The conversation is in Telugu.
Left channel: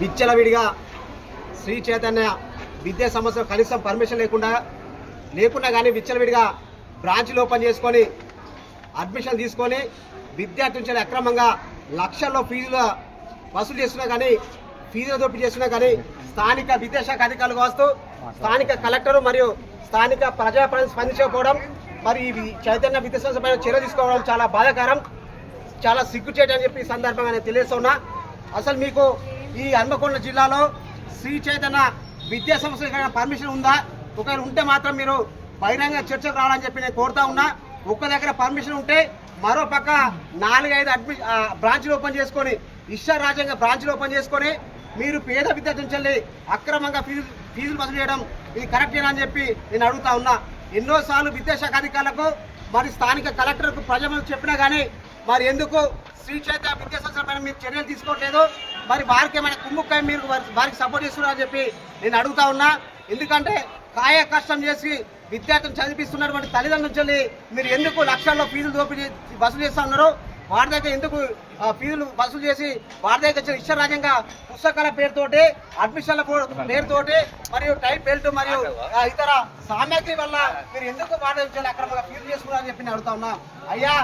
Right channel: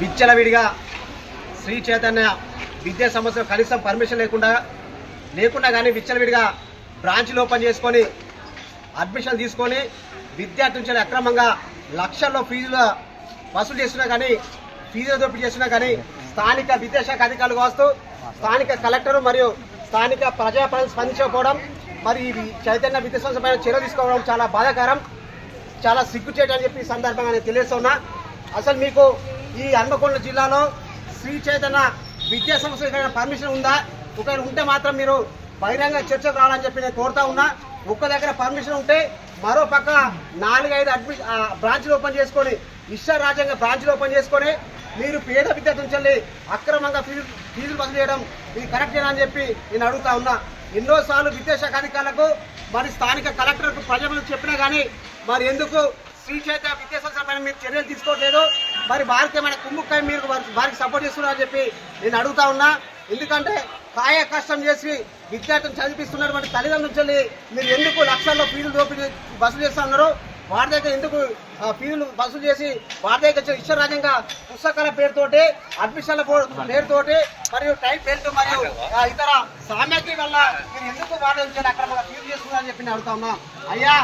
విచ్చలవిడిగా శ్రీ చైతన్య విద్యా సంస్థలు కనీసం పర్మిషన్ లేకుండా కానీ విచ్చలవిడిగా బ్రాంచ్లు ఓపెన్ చేసుకొని అడ్మిషన్ తీసుకొని విద్యార్థుల నుంచి అక్రమంగా లక్షల్లో ఫీజులు వసూలు చేస్తున్నా కానీ ఫీజులు దోపిడీ చేస్తున్నా కానీ స్థానిక విద్యాశాఖ అధికారులు వస్తూ స్థానిక కలెక్టరు మరియు స్థానిక ప్రజాప్రతినిధులు స్పందించకపోవడం మరి ఈ చైతన్య విద్యా సంస్థ పైన చర్య తీసుకోవడం చాలా బాధాకరం, చాలా సిగ్గుచేటు అని చెప్పి ఈ సందర్భంగా నేను తెలియజేస్తున్నా. అసలు మీకు ఈ హన్మకొండ జిల్లాలో శ్రీ చైతన్య విద్యా సంస్థ ఇక్కడ పర్మిషన్ ఉందా? ఒకవేళ ఉంటే మాత్రం మీరు బహిరంగ చర్చకు రావాలని చెప్పి నేను కోరుతా ఉన్నా. ఒక్క దగ్గర పర్మిషన్ ఉంటే మరో పక్క 4-5 బ్రాంచ్లు ఓపెన్ చేసుకొని ఇష్టారాజ్యంగా బ్రాంచ్లు ఓపెన్ చేసుకొని మీరు పేద విద్యార్థుల నుంచి అక్రమంగా ఫీజులు వసూలు చేయడం ఇది కరెక్టేనా అని చెప్పి నేను అడుగుతా ఉన్నా. ఎన్నోసార్లు విద్యాశాఖ అధికారులకు మరి స్థానిక కలెక్టర్కు ప్రజలకు చెప్పినా కానీ మరి ఎందుకు శ్రీ చైతన్య విద్యా సంస్థల పైన మీరు చర్యలు తీసుకోవట్లేదు? మరి వారికి ఏమైనా కుమ్ముక్కాయ మీరు వారికి సపోర్ట్ చేస్తున్నారని చెప్పి నేను అడుగుతా ఉన్నా. ఎందుకంటే కాయ కష్టం చేసి విద్యార్థులను చదివిస్తున్నటువంటి తల్లిదండ్రుల నుంచి మీరు ఎందుకు లక్షల్లో ఫీజులు దోపిడీ వసూలు చేస్తా ఉన్నారు? వారి దగ్గర ఎందుకు ఫీజులు వసూలు చేసి వారి దగ్గర ఇష్టరాజ్యంగా పుస్తకాల పేరుతోటి అడ్మిషన్ల పేరుతోటి మరియు టైప్ బెల్ట్ మరియు ఇతర సామగ్రి వల్ల మీరు ఎందుకు వారి నుంచి అక్రమంగా ఫీజులు చేస్తున్నారని చెప్పి నేను అడుగుతా ఉన్నా. అయ్యా